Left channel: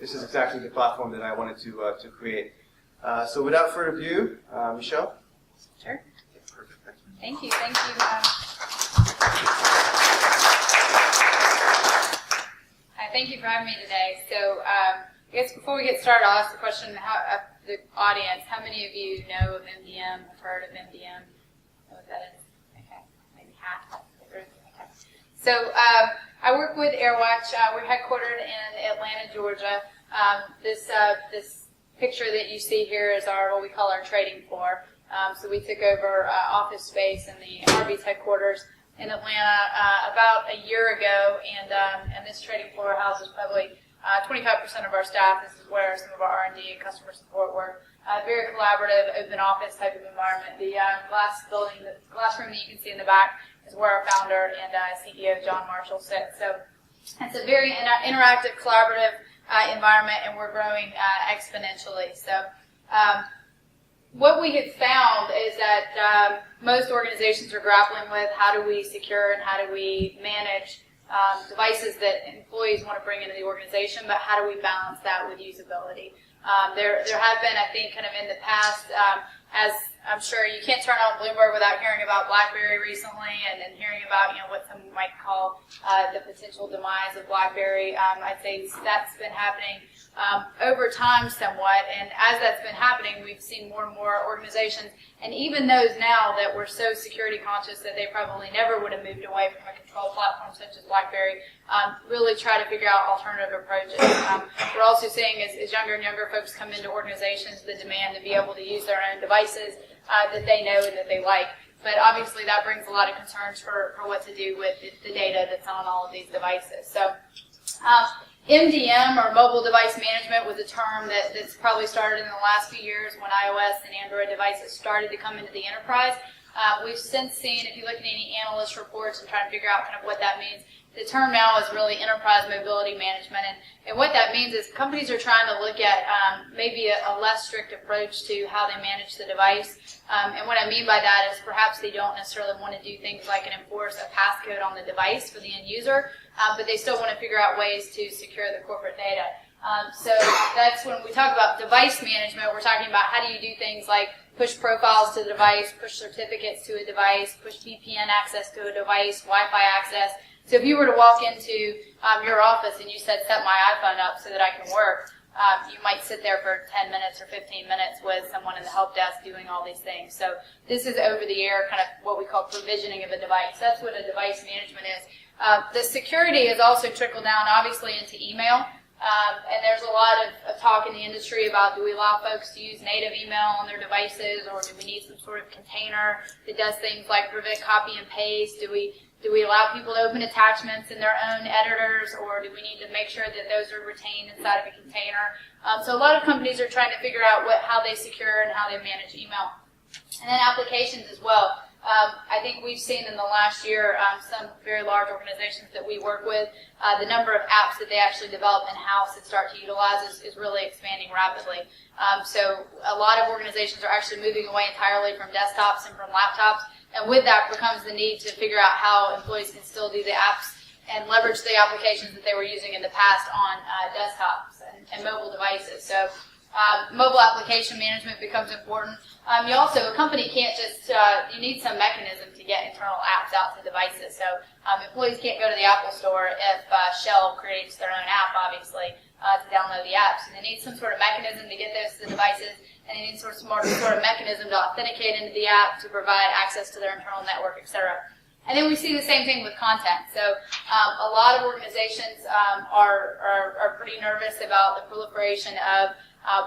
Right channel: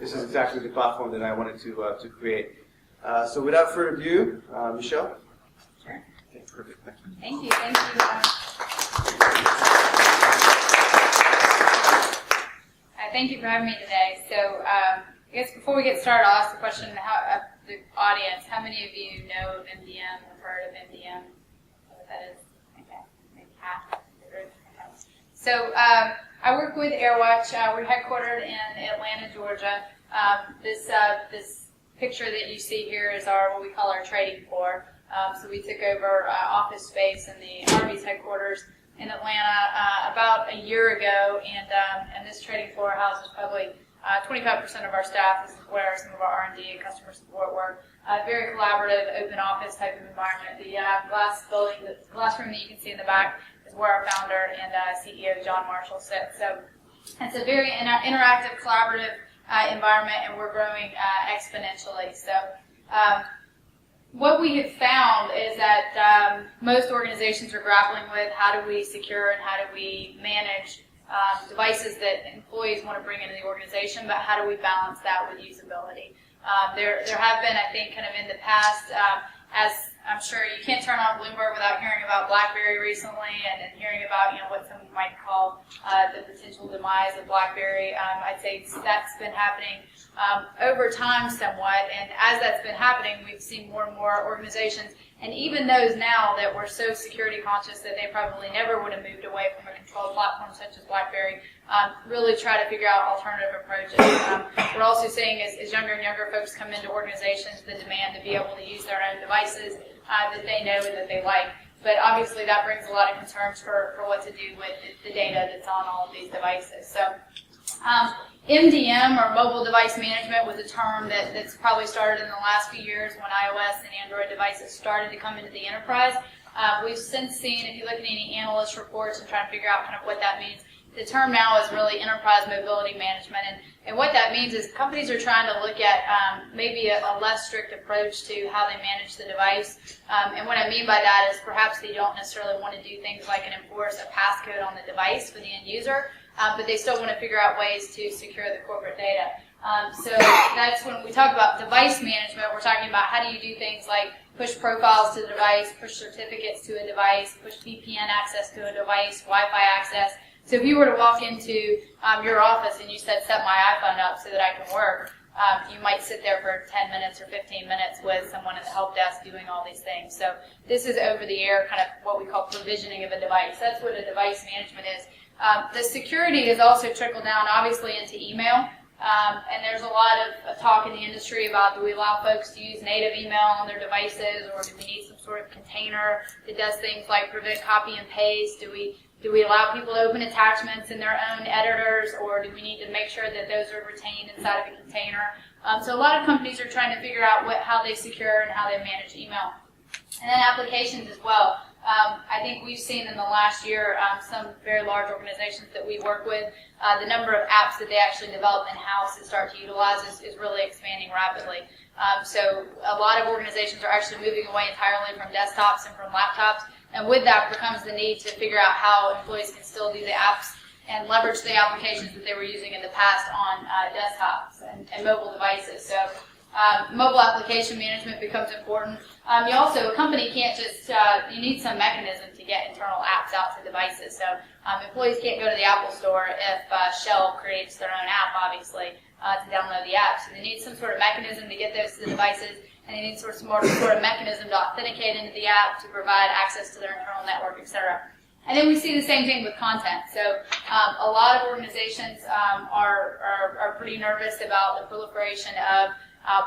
This is exactly the platform that I wanted to create. So without further ado, Michelle? Sure. Okay, perfect. Thank you. Thank you. Thank you for having me today. So I guess before we get started, I'll ask the question of the audience. How many of you know of MDM, have heard of MDM? Know what that is? Okay, maybe half the group. Okay. So I work with AirWatch. We're headquartered in Atlanta, Georgia. This picture that you see here is what we call our trading floor. So we took over office space in the Arby's headquarters in Atlanta about a year ago, and this trading floor houses probably 25% of our staff. This is where some of our R&D and customer support work. Very collaborative, open office type of environment. The glass building, the glass room that you can see in the back is where our founder and CEO John Marshall sits. So it's a very interactive, collaborative environment, and we're growing exponentially. So what we have found is that most organizations are grappling with how do we secure and how do we manage devices that employees want to bring into the organization, but how do we balance that with usability? There have been, I think, kind of in the past, as I'm sure you can't turn on Bloomberg without hearing about BlackBerry recently, and then hearing about what some might call the potential demise of BlackBerry. I'd say that's been happening over time somewhat, and as that's been happening, we've seen more and more organizations, and even those now that were so security conscious that they probably never would have moved away from a control platform such as BlackBerry, really try to figure out alternative approaches. We're also seeing as younger and younger folks come into organizations, the demand to be able to use their own devices that they know and that they like. But obviously that brings a lot of concerns for what to do with the data that's on all of these devices. So MDM, or mobile device management, was a term that's probably started in the last few years when iOS and Android devices started to come into the enterprise. We've since seen, if you look at any analyst reports and try to figure out kind of what that means, the term now is really enterprise mobility management. And what that means is companies are trying to look at maybe a less strict approach to how they manage the device. And what I mean by that is perhaps they don't necessarily want to do things like enforce a passcode on the device for the end user, but they still want to figure out ways to secure the corporate data. So that's when we talk about device management, we're talking about how do you do things like push profiles to the device, push certificates to a device, push VPN access to a device, Wi-Fi access. So if you were to walk into your office and you said, set my iPhone up so that I can work, you might sit there for 10 minutes or 15 minutes with someone in the help desk doing all these things. So this is over the air, kind of what we call provisioning of a device. That's what a device management is. The security has also trickled down, obviously, into email. And there's a lot of talk in the industry about, do we allow folks to use native email on their devices, or do we need some sort of container that does things like prevent copy and paste? Do we allow people to open attachments in their own editors, or do we need to make sure that those are retained inside of a container? So a lot of companies are trying to figure out how they secure and how they manage email. And then applications as well. I think we've seen in the last year some very large organizations that we work with, the number of apps that they actually develop in-house and start to utilize is really expanding rapidly. So a lot of organizations are actually moving away entirely from desktops and from laptops, and with that becomes the need to figure out how employees can still do the apps and leverage the applications that they were using in the past on desktops and mobile devices. So mobile application management becomes important. A company can't just, you need some mechanism to get internal apps out to devices. So employees can't go to the Apple Store if Shell creates their own app, obviously, to download the app. So they need some sort of mechanism to get those to the devices, and they need sort of mechanism to authenticate into the app to provide access to their internal network, etc. And then we see the same thing with content. So a lot of organizations are pretty nervous about the proliferation of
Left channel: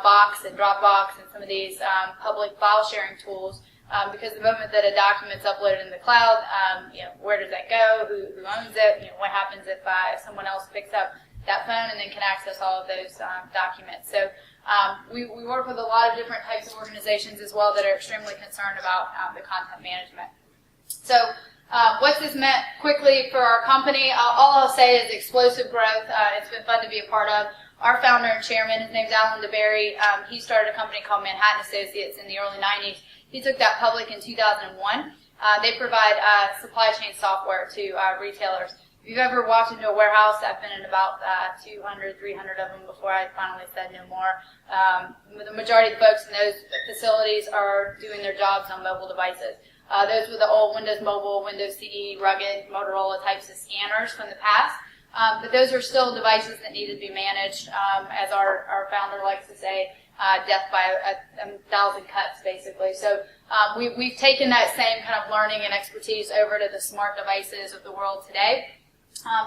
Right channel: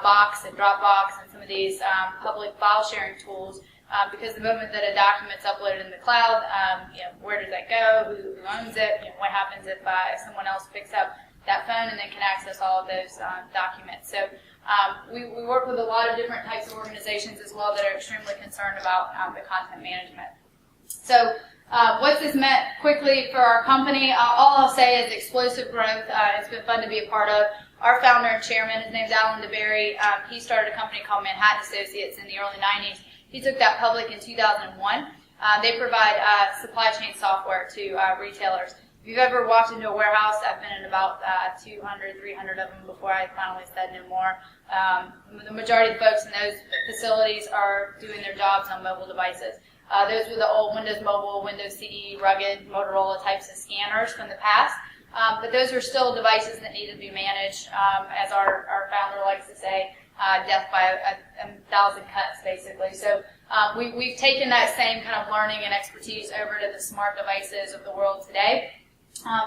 Box and Dropbox and some of these public file sharing tools, because the moment that a document's uploaded in the cloud, where does that go? Who owns it? What happens if someone else picks up that phone and then can access all of those documents? So we work with a lot of different types of organizations as well that are extremely concerned about the content management. So what's this meant quickly for our company? All I'll say is explosive growth. It's been fun to be a part of. Our founder and chairman, his name's Alan DeBerry, he started a company called Manhattan Associates in the early 90s. He took that public in 2001. They provide supply chain software to retailers. If you've ever walked into a warehouse, I've been in about 200, 300 of them before I finally said no more. The majority of the folks in those facilities are doing their jobs on mobile devices. Those were the old Windows Mobile, Windows CE, rugged, Motorola types of scanners from the past. But those are still devices that need to be managed, as our founder likes to say, death by a thousand cuts, basically. So we've taken that same kind of learning and expertise over to the smart devices of the world today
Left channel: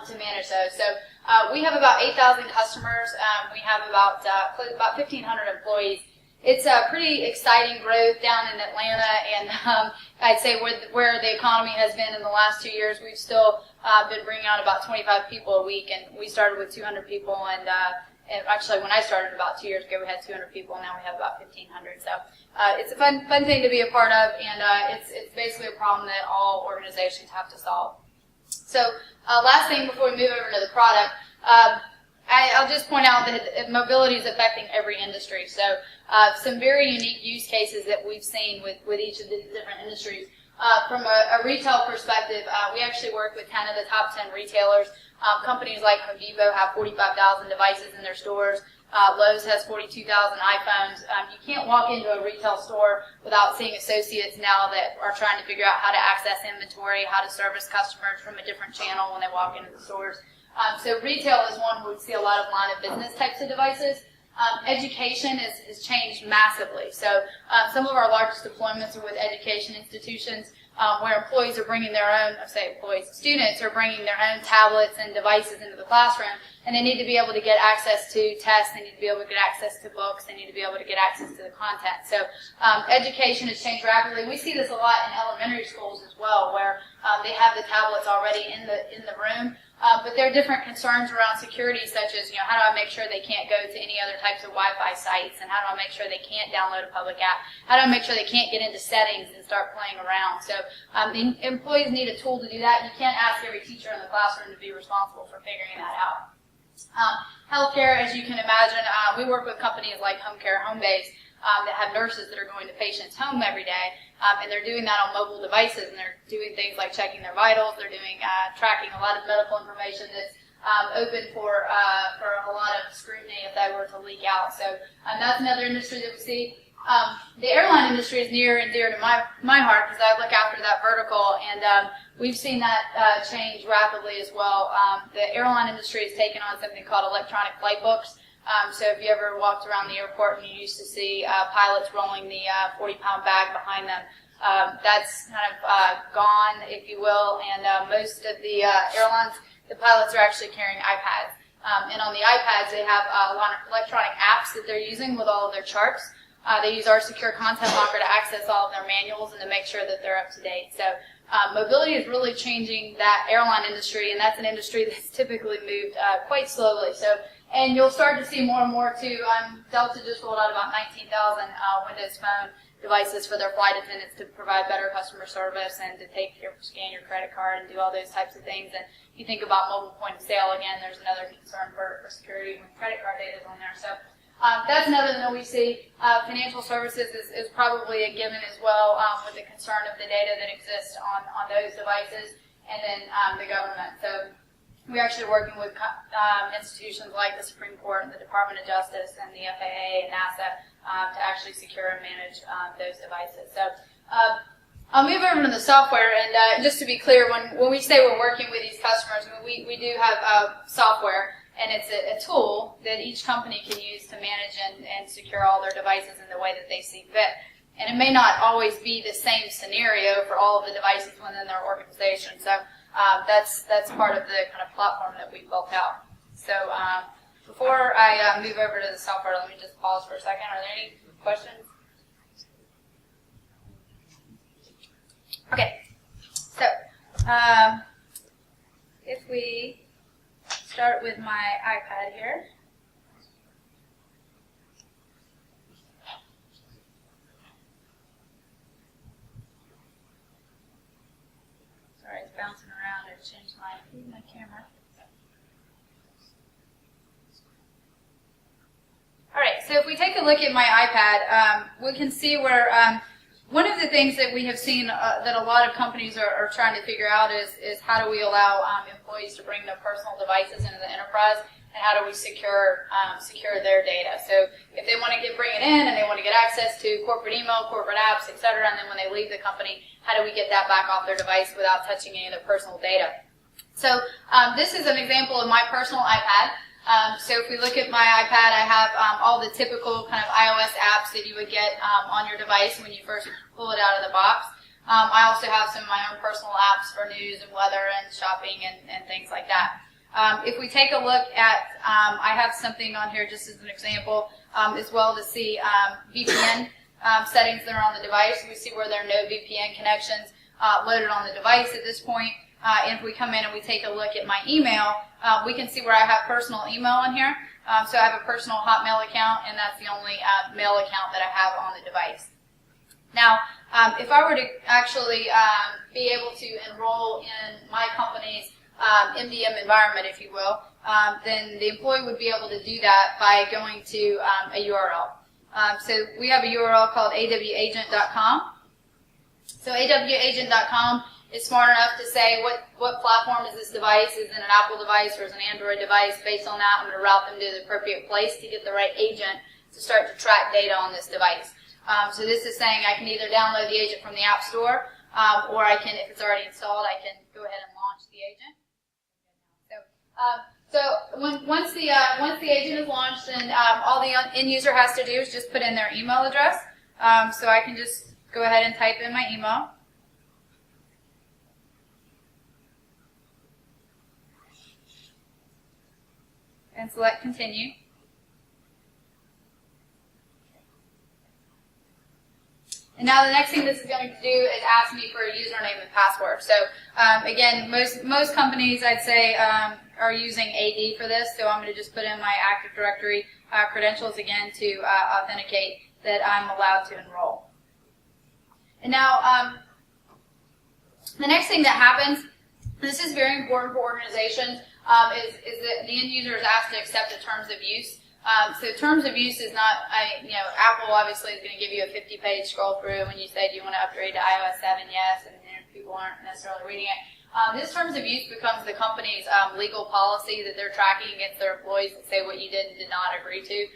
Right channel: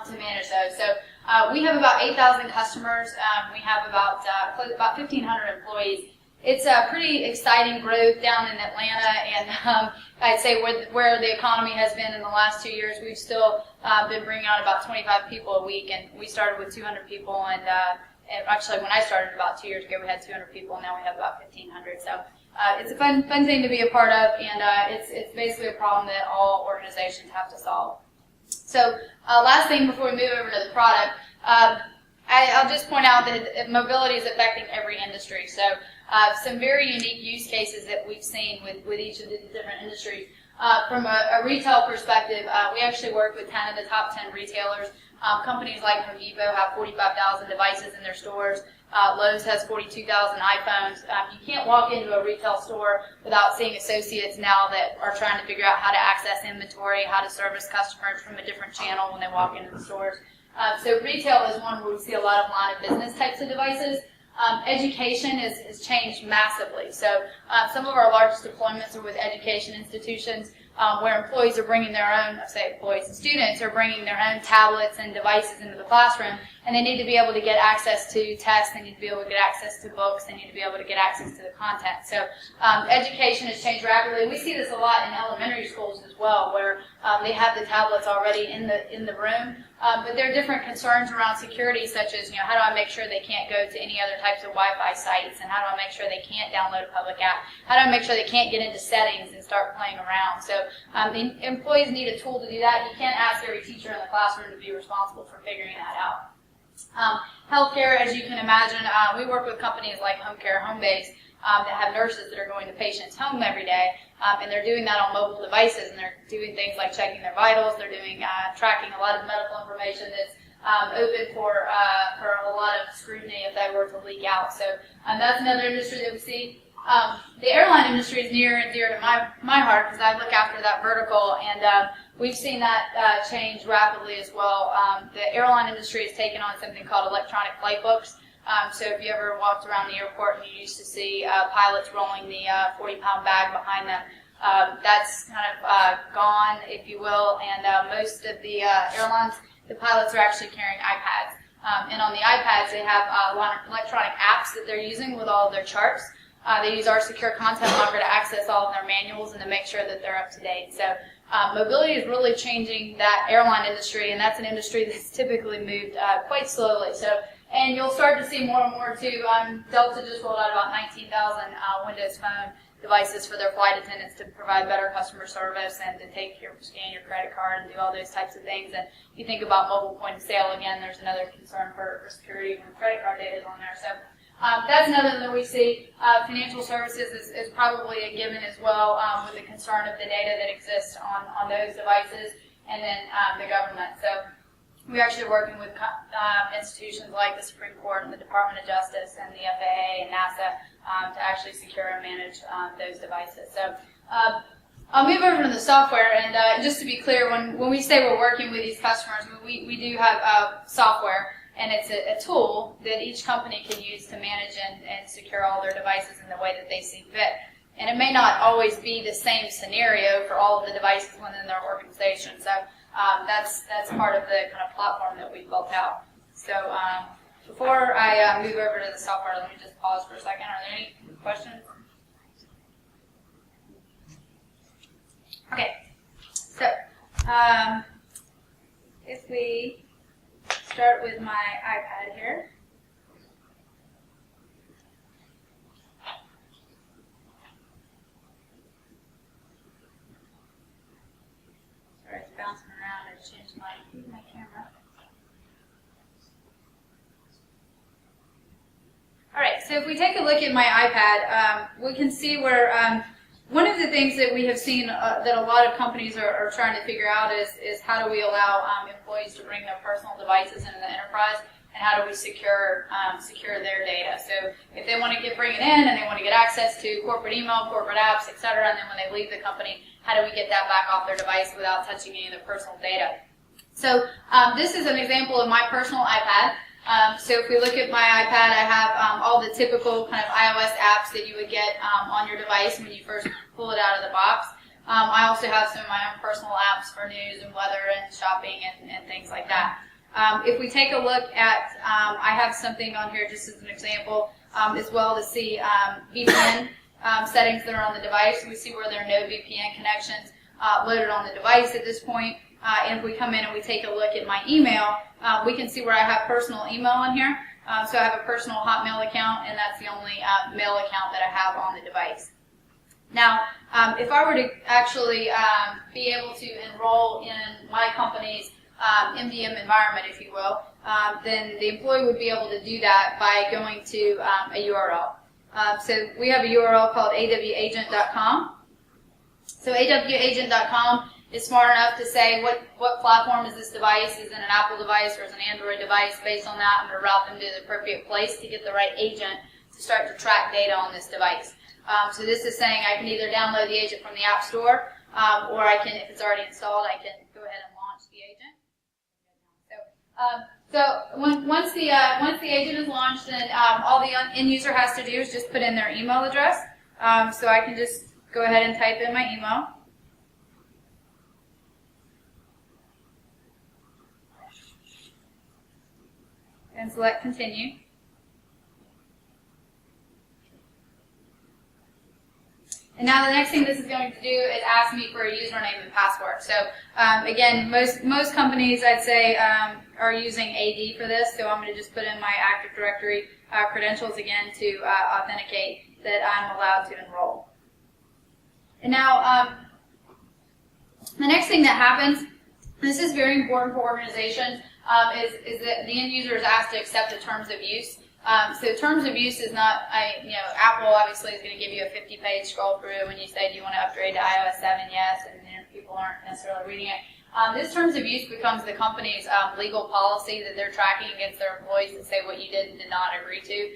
to manage those. So we have about 8,000 customers. We have about 1,500 employees. It's a pretty exciting growth down in Atlanta, and I'd say where the economy has been in the last 2 years, we've still been bringing on about 25 people a week, and we started with 200 people, and actually when I started about 2 years ago, we had 200 people, and now we have about 1,500. So it's a fun thing to be a part of, and it's basically a problem that all organizations have to solve. So last thing before we move over to the product, I'll just point out that mobility is affecting every industry. So some very unique use cases that we've seen with each of the different industries. From a retail perspective, we actually work with 10 of the top 10 retailers. Companies like Home Depot have 45,000 devices in their stores. Lowe's has 42,000 iPhones. You can't walk into a retail store without seeing associates now that are trying to figure out how to access inventory, how to service customers from a different channel when they walk into the stores. So retail is one where we see a lot of line of business types of devices. Education has changed massively. So some of our largest deployments are with education institutions where employees are bringing their own, employees and students are bringing their own tablets and devices into the classroom, and they need to be able to get access to tests, they need to be able to get access to books, they need to be able to get access to the content. So education has changed rapidly. We see this a lot in elementary schools as well, where they have the tablets already in the room. But there are different concerns around security, such as, how do I make sure they can't go to any other types of Wi-Fi sites, and how do I make sure they can't download a public app? How do I make sure they can't get into settings and start playing around? So the employees need a tool to do that. You can't ask every teacher in the classroom to be responsible for figuring that out. Healthcare, as you can imagine, we work with companies like Home Care, Homebase, that have nurses that are going to patients' home every day, and they're doing that on mobile devices, and they're doing things like checking their vitals, they're doing tracking a lot of medical information that's open for a lot of scrutiny if that were to leak out. So that's another industry that we see. The airline industry is near and dear to my heart because I look after that vertical, and we've seen that change rapidly as well. The airline industry has taken on something called electronic flight books. So if you ever walked around the airport and you used to see pilots rolling the 40-pound bag behind them, that's kind of gone, if you will, and most of the airlines, the pilots are actually carrying iPads. And on the iPads, they have a lot of electronic apps that they're using with all of their charts. They use our secure content locker to access all of their manuals and to make sure that they're up to date. So mobility is really changing that airline industry, and that's an industry that's typically moved quite slowly. And you'll start to see more and more too. Delta just rolled out about 19,000 Windows Phone devices for their flight attendants to provide better customer service and to scan your credit card and do all those types of things. And if you think about mobile point of sale, again, there's another concern for security when credit card data is on there. So that's another that we see. Financial services is probably a given as well, with the concern of the data that exists on those devices, and then the government. So we're actually working with institutions like the Supreme Court and the Department of Justice and the FAA and NASA to actually secure and manage those devices. So I'll move over to the software, and just to be clear, when we say we're working with these customers, we do have software, and it's a tool that each company can use to manage and secure all their devices in the way that they see fit. And it may not always be the same scenario for all of the devices within their organization. So that's part of the kind of platform that we built out. So before I move over to the software, let me just pause for a second. Are there any questions? Okay. So if we start with my iPad here. Sorry, it's bouncing around. I've changed my camera. All right, so if we take a look at my iPad, we can see where One of the things that we have seen that a lot of companies are trying to figure out is how do we allow employees to bring their personal devices into the enterprise, and how do we secure their data. So if they want to bring it in and they want to get access to corporate email, corporate apps, etc., and then when they leave the company, how do we get that back off their device without touching any of their personal data? So this is an example of my personal iPad. So if we look at my iPad, I have all the typical kind of iOS apps that you would get on your device when you first pull it out of the box. I also have some of my own personal apps for news and weather and shopping and things like that. If we take a look at, I have something on here just as an example as well to see VPN settings that are on the device. We see where there are no VPN connections loaded on the device at this point. And if we come in and we take a look at my email, we can see where I have personal email on here. So I have a personal Hotmail account, and that's the only mail account that I have on the device. Now, if I were to actually be able to enroll in my company's MDM environment, if you will, then the employee would be able to do that by going to a URL. So we have a URL called awagent.com. So awagent.com is smart enough to say what platform is this device? Is it an Apple device or is it an Android device? Based on that, I'm going to route them to the appropriate place to get the right agent to start to track data on this device. So this is saying I can either download the agent from the App Store, or I can, if it's already installed, I can go ahead and launch the agent. So once the agent is launched, then all the end user has to do is just put in their email address. So I can just go ahead and type in my email. And select continue. And now the next thing this is going to do is ask me for a username and password. So again, most companies, I'd say, are using AD for this. So I'm going to just put in my Active Directory credentials again to authenticate that I'm allowed to enroll. And now the next thing that happens, this is very important for organizations, is that the end user is asked to accept the terms of use. So terms of use is not, Apple obviously is going to give you a 50-page scroll through when you say, do you want to upgrade to iOS 7? Yes, and people aren't necessarily reading it. This terms of use becomes the company's legal policy that they're tracking against their employees that say what you did and did not agree to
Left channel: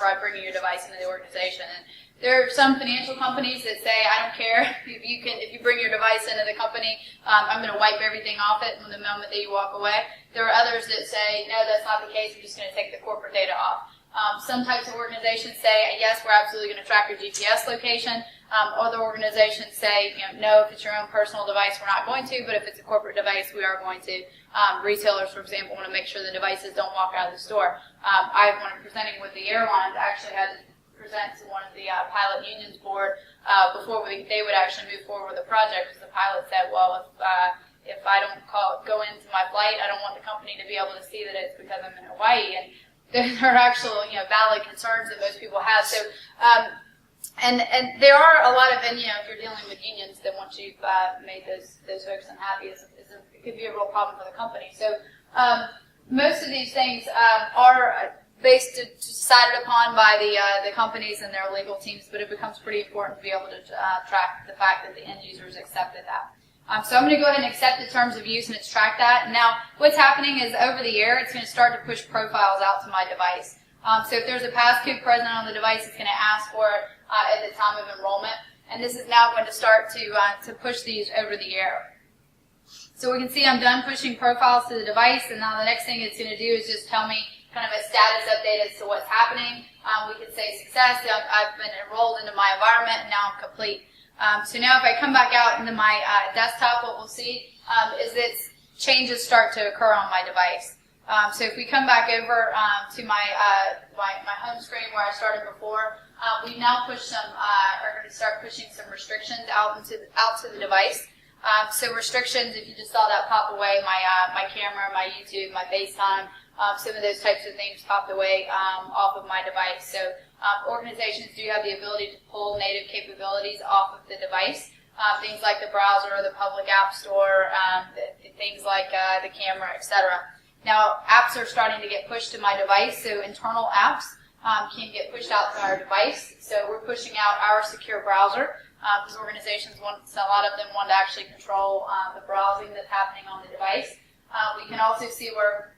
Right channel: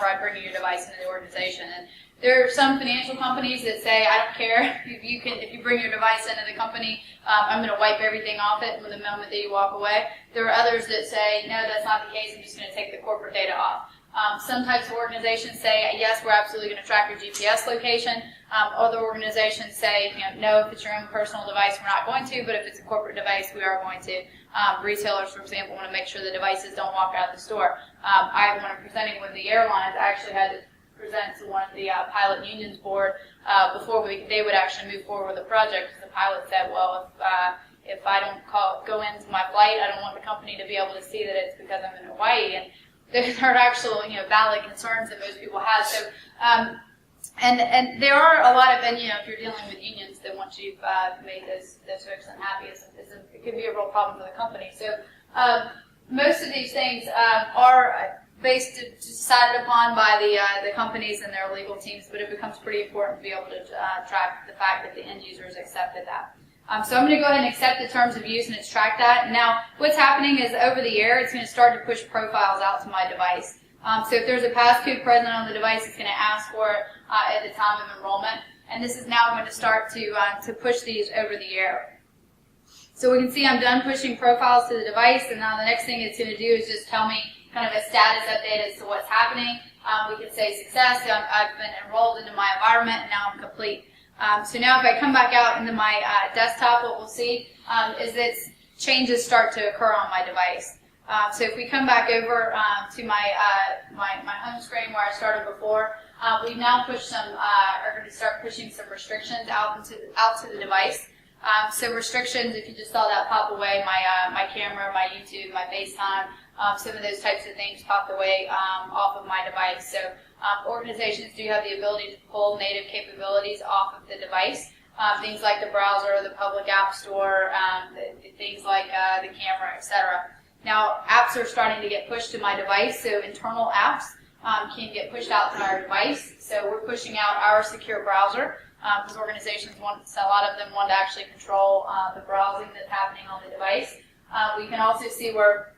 by bringing your device into the organization. And there are some financial companies that say, I don't care if you bring your device into the company, I'm going to wipe everything off it from the moment that you walk away. There are others that say, no, that's not the case. I'm just going to take the corporate data off. Some types of organizations say, yes, we're absolutely going to track your GPS location. Other organizations say, no, if it's your own personal device, we're not going to, but if it's a corporate device, we are going to. Retailers, for example, want to make sure the devices don't walk out of the store. When I'm presenting with the airlines, I actually had to present to one of the pilot unions board before they would actually move forward with the project, because the pilot said, well, if I don't go into my flight, I don't want the company to be able to see that it's because I'm in Hawaii. And there are actual, valid concerns that most people have. So, and there are a lot of, and if you're dealing with unions, then once you've made those folks unhappy, it could be a real problem for the company. So, most of these things are decided upon by the companies and their legal teams, but it becomes pretty important to be able to track the fact that the end users accepted that. So I'm going to go ahead and accept the terms of use and it's tracked that. Now, what's happening is over the air, it's going to start to push profiles out to my device. So if there's a passcode present on the device, it's going to ask for it at the time of enrollment. And this is now going to start to push these over the air. So we can see I'm done pushing profiles to the device, and now the next thing it's going to do is just tell me kind of a status update as to what's happening. We can say success, I've been enrolled into my environment, and now I'm complete. So now if I come back out into my desktop, what we'll see is that changes start to occur on my device. So if we come back over to my home screen where I started before, we've now pushed are going to start pushing some restrictions out to the device. So restrictions, if you just saw that pop away, my camera, my YouTube, my FaceTime, some of those types of things popped away off of my device. So organizations do have the ability to pull native capabilities off of the device, things like the browser, the public app store, things like the camera, etc. Now, apps are starting to get pushed to my device, so internal apps can get pushed out to our device. So we're pushing out our secure browser because organizations a lot of them want to actually control the browsing that's happening on the device. We can also see where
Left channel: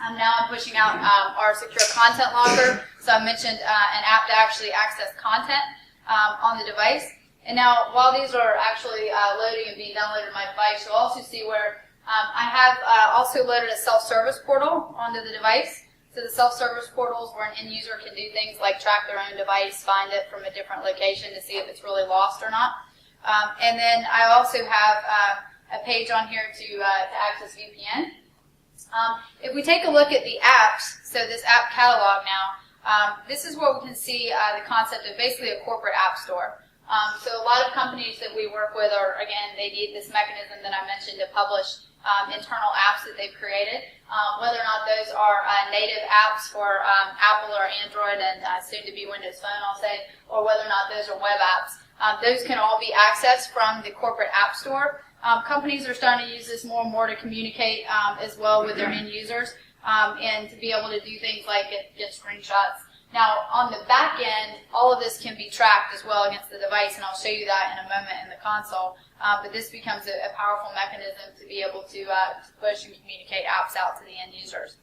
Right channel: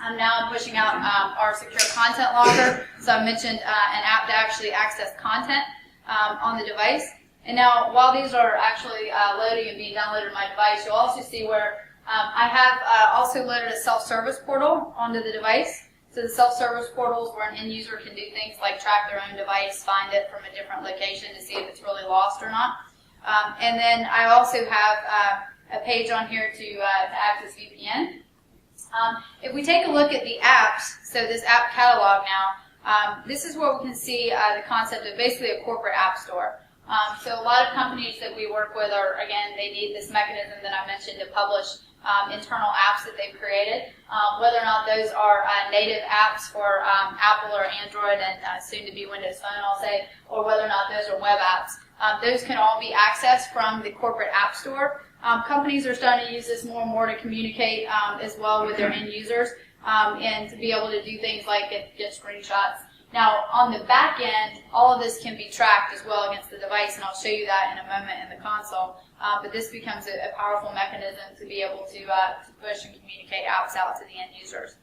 I'm pushing out our secure content locker. So I mentioned an app to actually access content on the device. And now, while these are actually loading and being downloaded on my device, you'll also see where I have also loaded a self-service portal onto the device. So the self-service portal is where an end user can do things like track their own device, find it from a different location to see if it's really lost or not. And then I also have a page on here to access VPN. If we take a look at the apps, so this app catalog now, this is where we can see the concept of basically a corporate app store. So a lot of companies that we work with are, again, they need this mechanism that I mentioned to publish internal apps that they've created. Whether or not those are native apps for Apple or Android and soon to be Windows Phone, I'll say, or whether or not those are web apps. Those can all be accessed from the corporate app store. Companies are starting to use this more and more to communicate as well with their end users and to be able to do things like get screenshots. Now, on the back end, all of this can be tracked as well against the device, and I'll show you that in a moment in the console. But this becomes a powerful mechanism to be able to push and communicate apps out to the end users.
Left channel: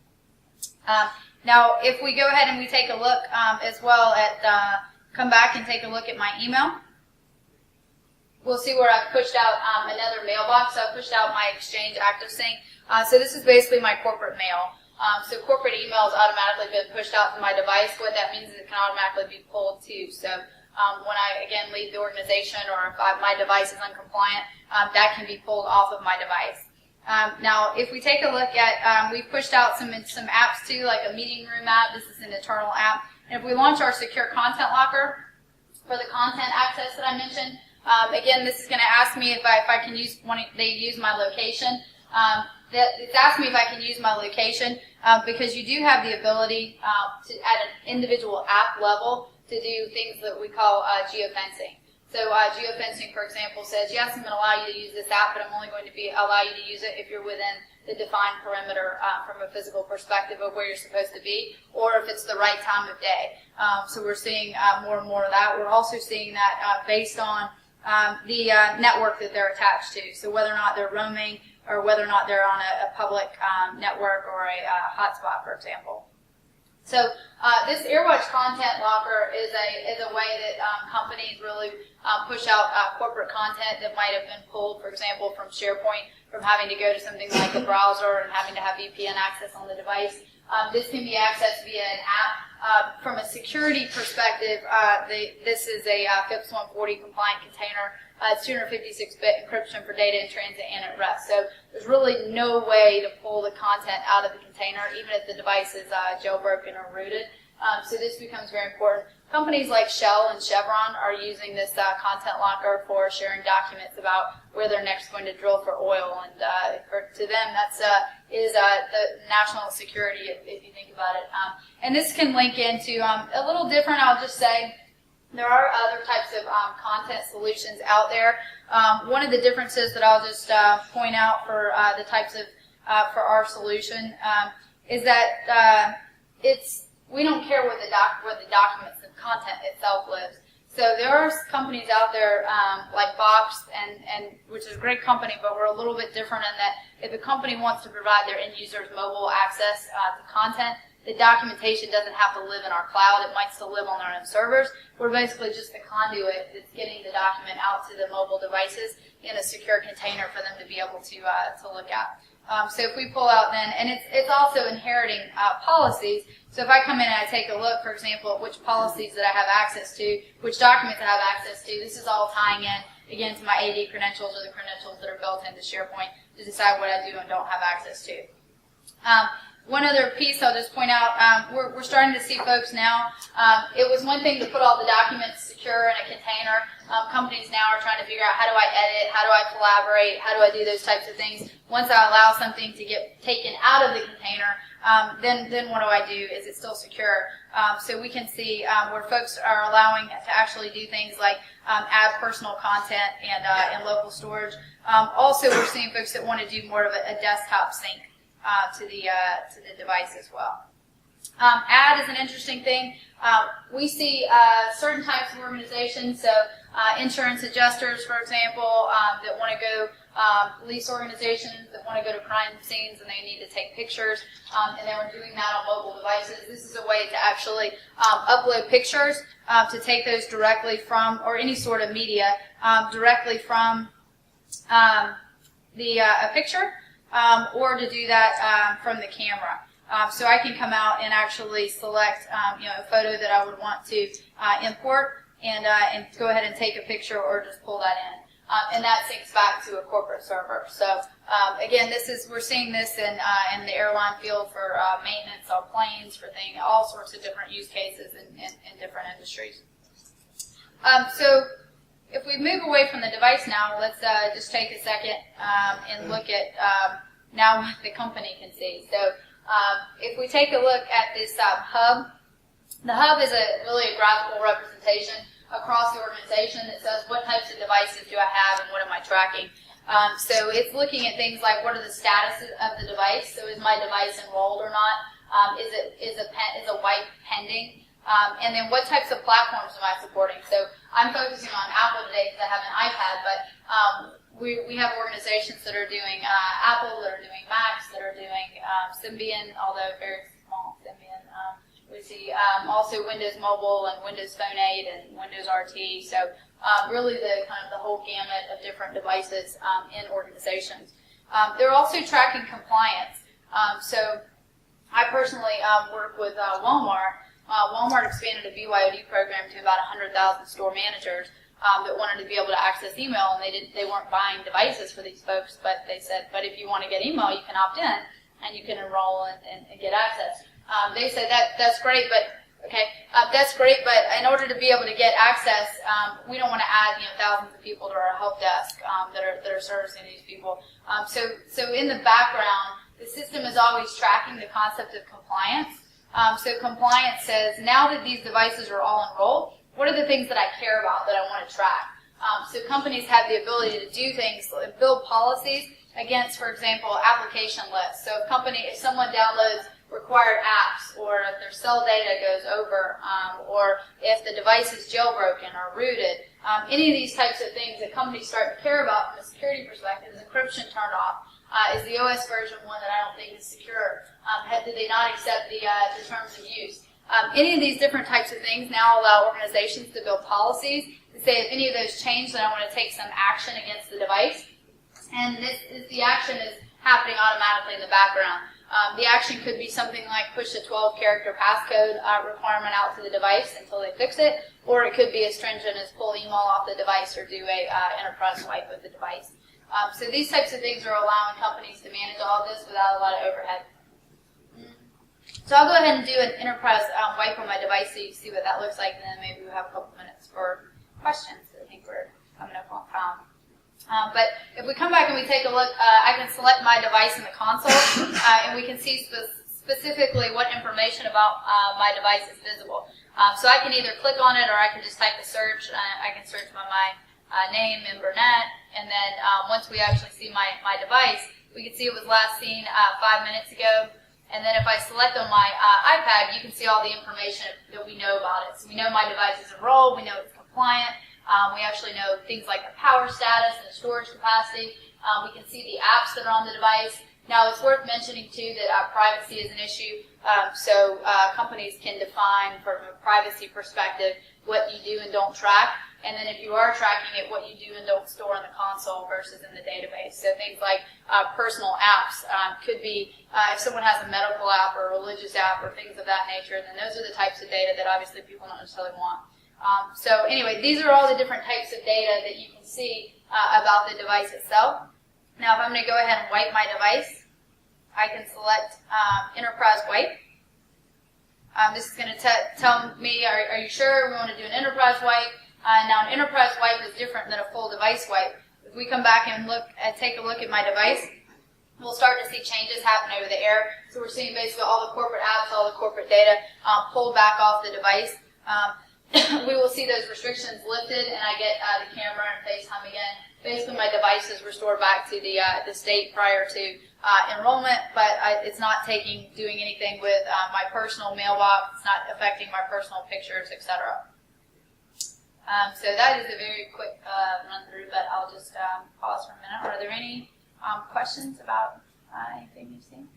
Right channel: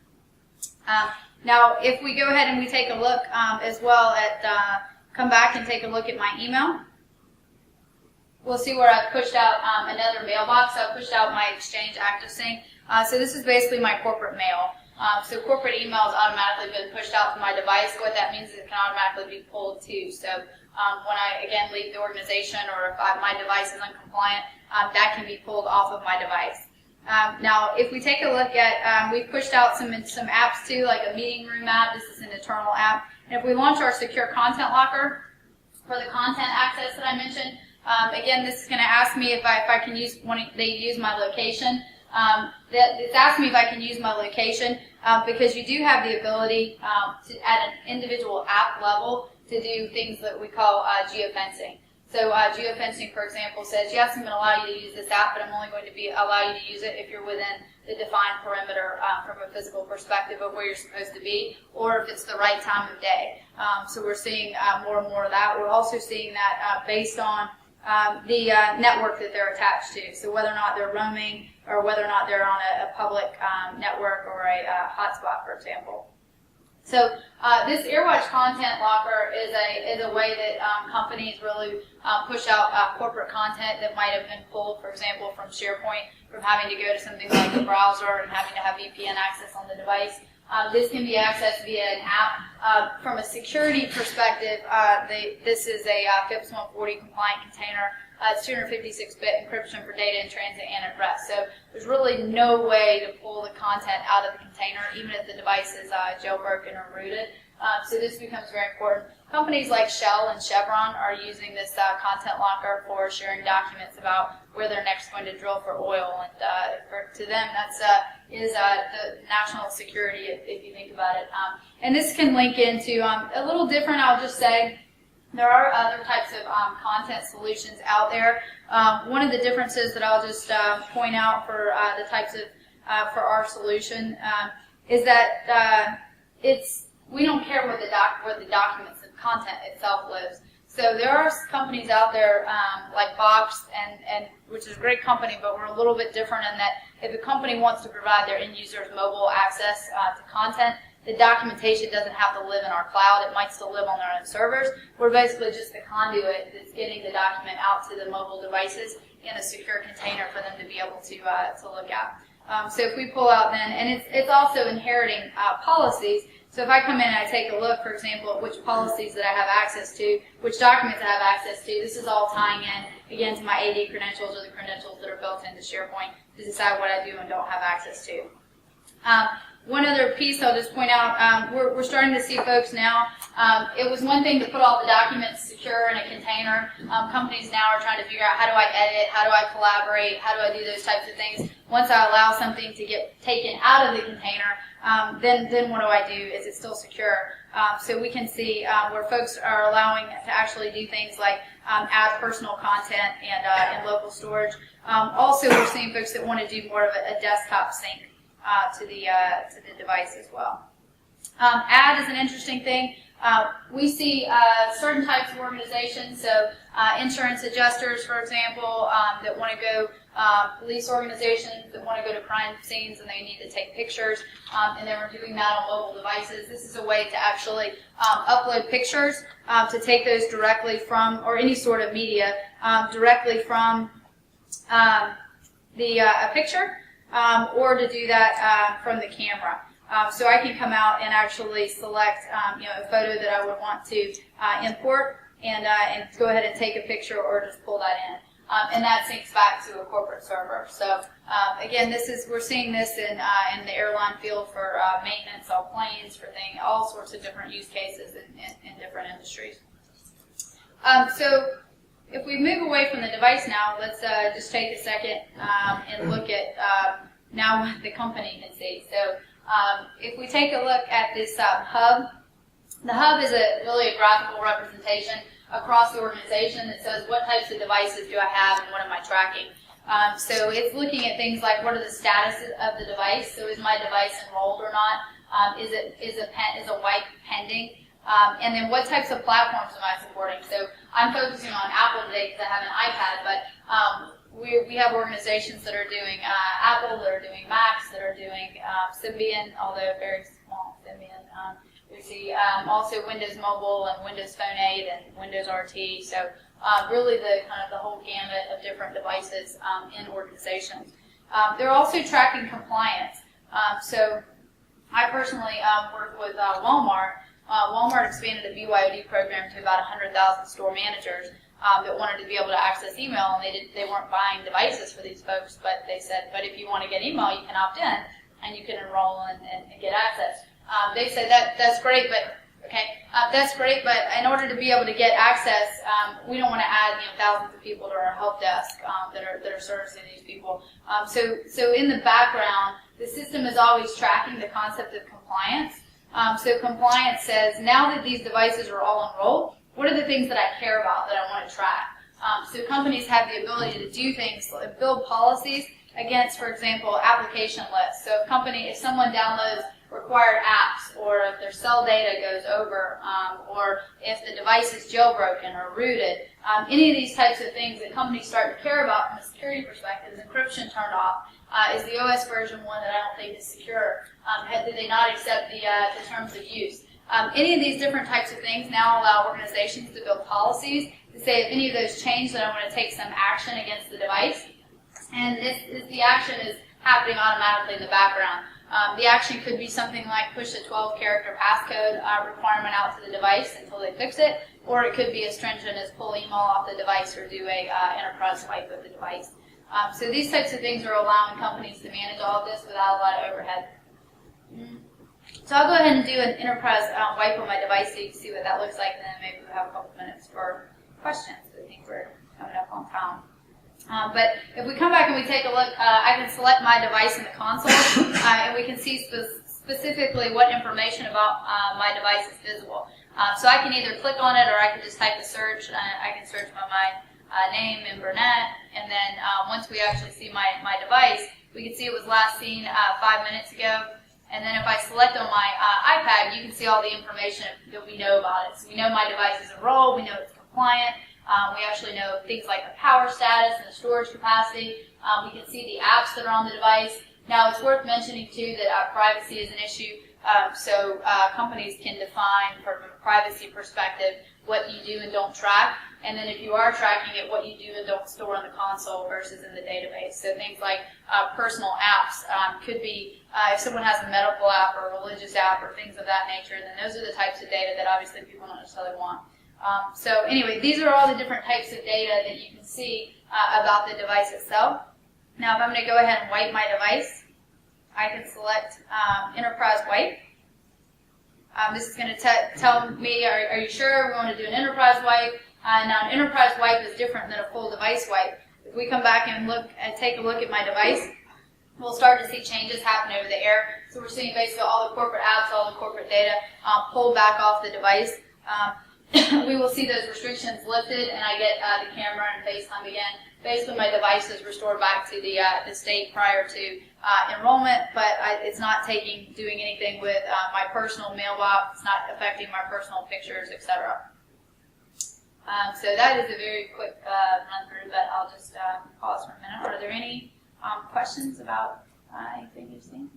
Now, if we go ahead and we take a look as well at, come back and take a look at my email, we'll see where I've pushed out another mailbox. So I've pushed out my Exchange ActiveSync. So this is basically my corporate mail. So corporate email has automatically been pushed out to my device. What that means is it can automatically be pulled too. So when I, again, leave the organization or if my device is uncompliant, that can be pulled off of my device. Now, if we take a look at, we've pushed out some apps too, like a meeting room app. This is an internal app. And if we launch our secure content locker for the content access that I mentioned, again, this is going to ask me if I can use they use my location. It's asked me if I can use my location because you do have the ability to, at an individual app level, to do things that we call geofencing. So geofencing, for example, says, yes, I'm going to allow you to use this app, but I'm only going to allow you to use it if you're within the defined perimeter from a physical perspective of where you're supposed to be, or if it's the right time of day. So we're seeing more and more of that. We're also seeing that based on the network that they're attached to. So whether or not they're roaming or whether or not they're on a public network or a hotspot, for example. So this AirWatch content locker is a way that companies really push out corporate content that might have been pulled, for example, from SharePoint, from having to go to something like a browser and having to have VPN access on the device. This can be accessed via an app. From a security perspective, this is a FIPS 140 compliant container. It's 256-bit encryption for data in transit and at rest. So there's really no way to pull the content out of the container, even if the device is jailbroken or rooted. So this becomes very important. Companies like Shell and Chevron are using this content locker for sharing documents about where they're next going to drill for oil. And to them, that's is the national security, if you think about it. And this can link into a little different, I'll just say. There are other types of content solutions out there. One of the differences that I'll just point out for the types of for our solution is that we don't care where the documents and content itself lives. So there are companies out there like Box, and which is a great company, but we're a little bit different in that if a company wants to provide their end users mobile access to content, the documentation doesn't have to live in our cloud. It might still live on their own servers. We're basically just the conduit that's getting the document out to the mobile devices in a secure container for them to be able to look at. So if we pull out then, and it's also inheriting policies. So if I come in and I take a look, for example, at which policies that I have access to, which documents I have access to, this is all tying in, again, to my AD credentials or the credentials that are built into SharePoint to decide what I do and don't have access to. One other piece I'll just point out, we're starting to see folks now, it was one thing to put all the documents secure in a container. Companies now are trying to figure out how do I edit, how do I collaborate, how do I do those types of things. Once I allow something to get taken out of the container, then what do I do? Is it still secure? So we can see where folks are allowing to actually do things like add personal content and local storage. Also, we're seeing folks that want to do more of a desktop sync to the device as well. Add is an interesting thing. We see certain types of organizations, so insurance adjusters, for example, that want to go, police organizations that want to go to crime scenes and they need to take pictures, and then we're doing that on mobile devices. This is a way to actually upload pictures, to take those directly from, or any sort of media, directly from a picture, or to do that from the camera. So I can come out and actually select a photo that I would want to import and go ahead and take a picture or just pull that in. And that syncs back to a corporate server. So again, we're seeing this in the airline field for maintenance on planes, for all sorts of different use cases in different industries. So if we move away from the device now, let's just take a second and look at now what the company can see. So if we take a look at this hub, the hub is really a graphical representation across the organization that says what types of devices do I have and what am I tracking. So it's looking at things like what are the statuses of the device. So is my device enrolled or not? Is a wipe pending? And then what types of platforms am I supporting? So I'm focusing on Apple today because I have an iPad, but we have organizations that are doing Apple, that are doing Macs, that are doing Symbian, although very small Symbian. We see also Windows Mobile and Windows Phone 8 and Windows RT. So really the whole gamut of different devices in organizations. They're also tracking compliance. So I personally work with Walmart. Walmart expanded a BYOD program to about 100,000 store managers that wanted to be able to access email, and they weren't buying devices for these folks, but they said, but if you want to get email, you can opt in and you can enroll and get access. They said that's great, but that's great, but in order to be able to get access, we don't want to add thousands of people to our help desk that are servicing these people. So in the background, the system is always tracking the concept of compliance. So compliance says, now that these devices are all enrolled, what are the things that I care about that I want to track? So companies have the ability to do things, build policies against, for example, application lists. So if someone downloads required apps, or if their cell data goes over, or if the device is jailbroken or rooted, any of these types of things that companies start to care about from a security perspective. Is encryption turned off? Is the OS version one that I don't think is secure? Did they not accept the terms of use? Any of these different types of things now allow organizations to build policies to say if any of those change, then I want to take some action against the device. And the action is happening automatically in the background. The action could be something like push a 12-character passcode requirement out to the device until they fix it, or it could be as stringent as pull email off the device or do a enterprise wipe of the device. So these types of things are allowing companies to manage all of this without a lot of overhead. So I'll go ahead and do an enterprise wipe on my device so you can see what that looks like, and then maybe we'll have a couple minutes for questions. I think we're coming up on time. But if we come back and we take a look, I can select my device in the console, and we can see specifically what information about my device is visible. So I can either click on it, or I can just type a search. I can search by my name and Burnett, and then once we actually see my device, we can see it was last seen 5 minutes ago. And then if I select on my iPad, you can see all the information that we know about it. So we know my device is enrolled, we know it's compliant, we actually know things like the power status and the storage capacity. We can see the apps that are on the device. Now it's worth mentioning too that privacy is an issue. So companies can define from a privacy perspective what you do and don't track. And then if you are tracking it, what you do and don't store in the console versus in the database. So things like personal apps could be, if someone has a medical app or a religious app or things of that nature, then those are the types of data that obviously people don't necessarily want. So anyway, these are all the different types of data that you can see about the device itself. Now if I'm going to go ahead and wipe my device, I can select Enterprise Wipe. This is going to tell me, are you sure we want to do an enterprise wipe? Now, an enterprise wipe is different than a full device wipe. If we come back and take a look at my device, we'll start to see changes happen over the air. So we're seeing basically all the corporate apps, all the corporate data pulled back off the device. We will see those restrictions lifted, and I get the camera and FaceTime again. Basically, my device is restored back to the state prior to enrollment, but it's not doing anything with my personal mailbox. It's not affecting my personal pictures, etc. So that is a very quick run through, but I'll just pause for a minute. Are there any questions about anything you've seen?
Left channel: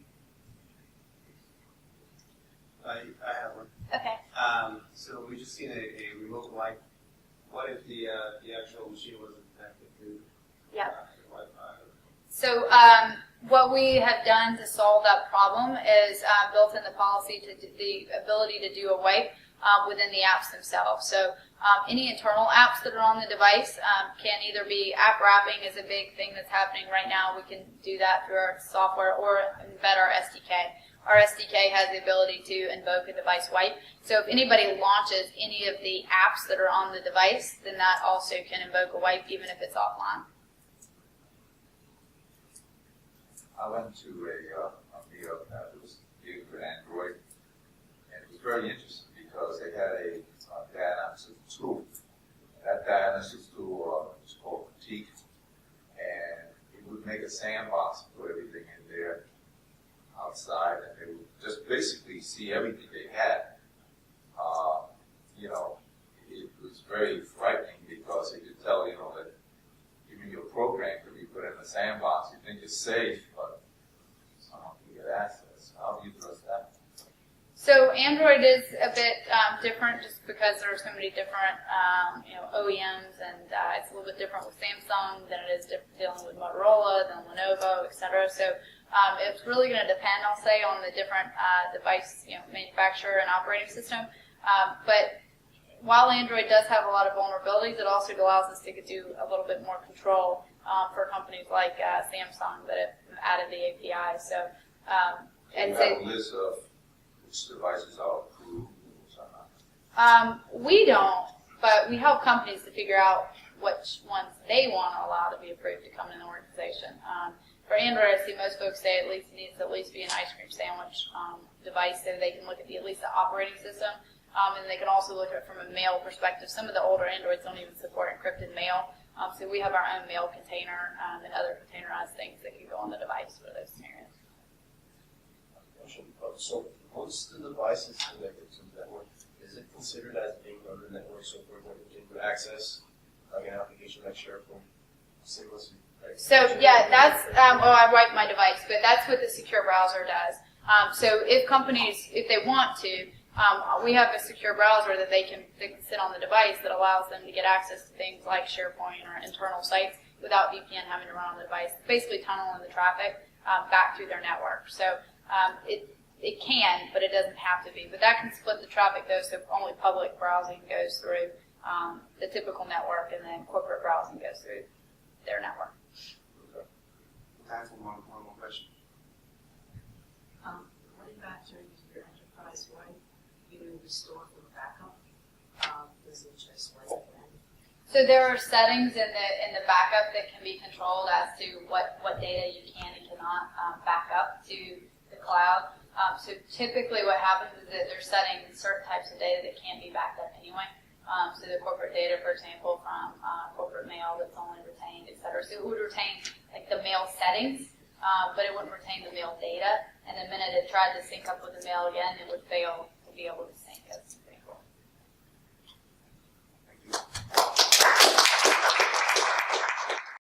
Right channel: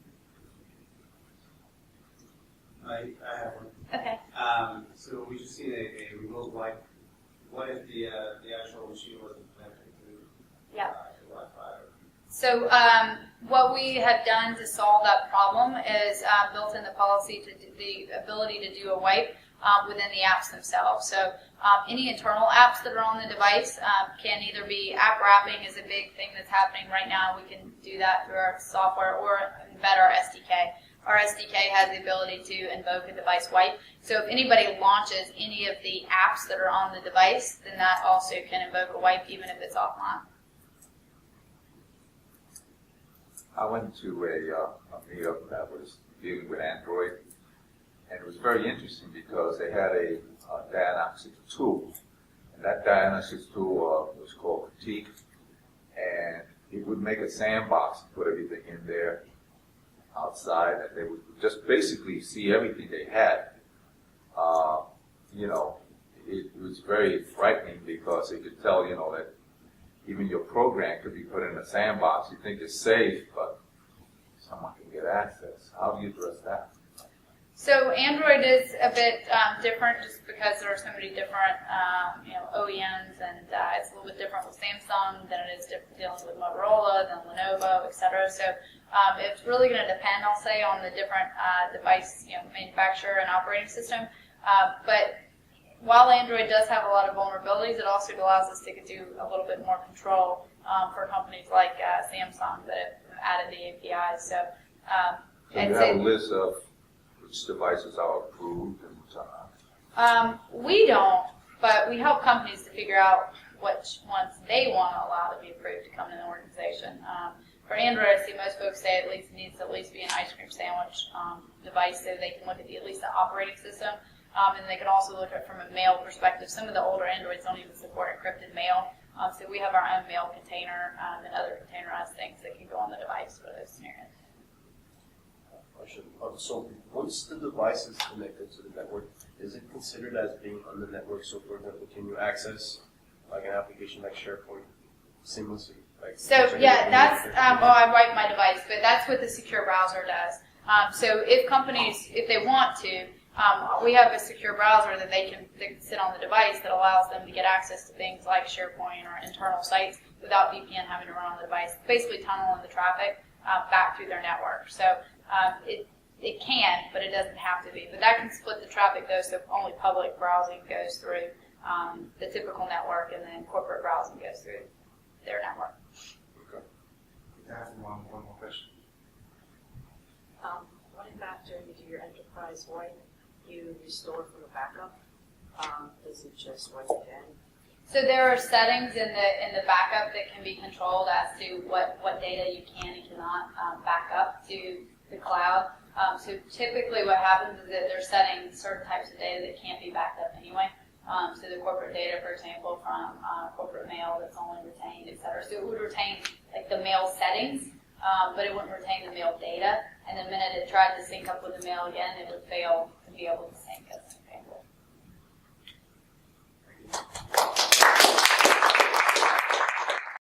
I have one. Okay. So we just seen a remote wipe. What if the actual machine wasn't connected to Yeah. Wi-Fi? So what we have done to solve that problem is built in the policy to the ability to do a wipe within the apps themselves. So any internal apps that are on the device can either be app wrapping is a big thing that's happening right now. We can do that through our software or embed our SDK. Our SDK has the ability to invoke a device wipe. So if anybody launches any of the apps that are on the device, then that also can invoke a wipe even if it's offline. I went to a meetup that was dealing with Android, and it was very interesting because they had a diagnostic tool. And that diagnostic tool was called Critique, and it would make a sandbox and put everything in there outside, and they would just basically see everything they had. It was very frightening because it could tell, that even your program could be put in a sandbox. You think it's safe, but someone can get access. How do you address that? So Android is a bit different just because there are so many different OEMs, and it's a little bit different with Samsung than it is dealing with Motorola, than Lenovo, etc. So it's really going to depend, I'll say, on the different device manufacturer and operating system. But while Android does have a lot of vulnerabilities, it also allows us to do a little bit more control for companies like Samsung that have added the API. So Do you have a list of which devices are approved and which are not? We don't, but we help companies to figure out which ones they want to allow to be approved to come in the organization. For Android, I see most folks say it needs to at least be an ice cream sandwich device so they can look at at least the operating system. And they can also look at it from a mail perspective. Some of the older Androids don't even support encrypted mail. So we have our own mail container and other containerized things that can go on the device for those scenarios. Question. So once the device is connected to the network, is it considered as being on the network? So for example, can you access like an application like SharePoint seamlessly? So yeah, that's, I wipe my device, but that's what the secure browser does. So if companies, if they want to, we have a secure browser that they can sit on the device that allows them to get access to things like SharePoint or internal sites without VPN having to run on the device, basically tunneling the traffic back through their network. So it can, but it doesn't have to be. But that can split the traffic though, so only public browsing goes through the typical network, and then corporate browsing goes through their network. Okay. I have one more question. Running back during your enterprise wipe, you restore from a backup. Does it just wipe again? So there are settings in the backup that can be controlled as to what data you can and cannot back up to the cloud. So typically what happens is that they're setting certain types of data that can't be backed up anyway. So the corporate data, for example, from corporate mail that's only retained, et cetera. So it would retain like the mail settings, but it wouldn't retain the mail data. And the minute it tried to sync up with the mail again, it would fail to be able to sync, as an example. Thank you.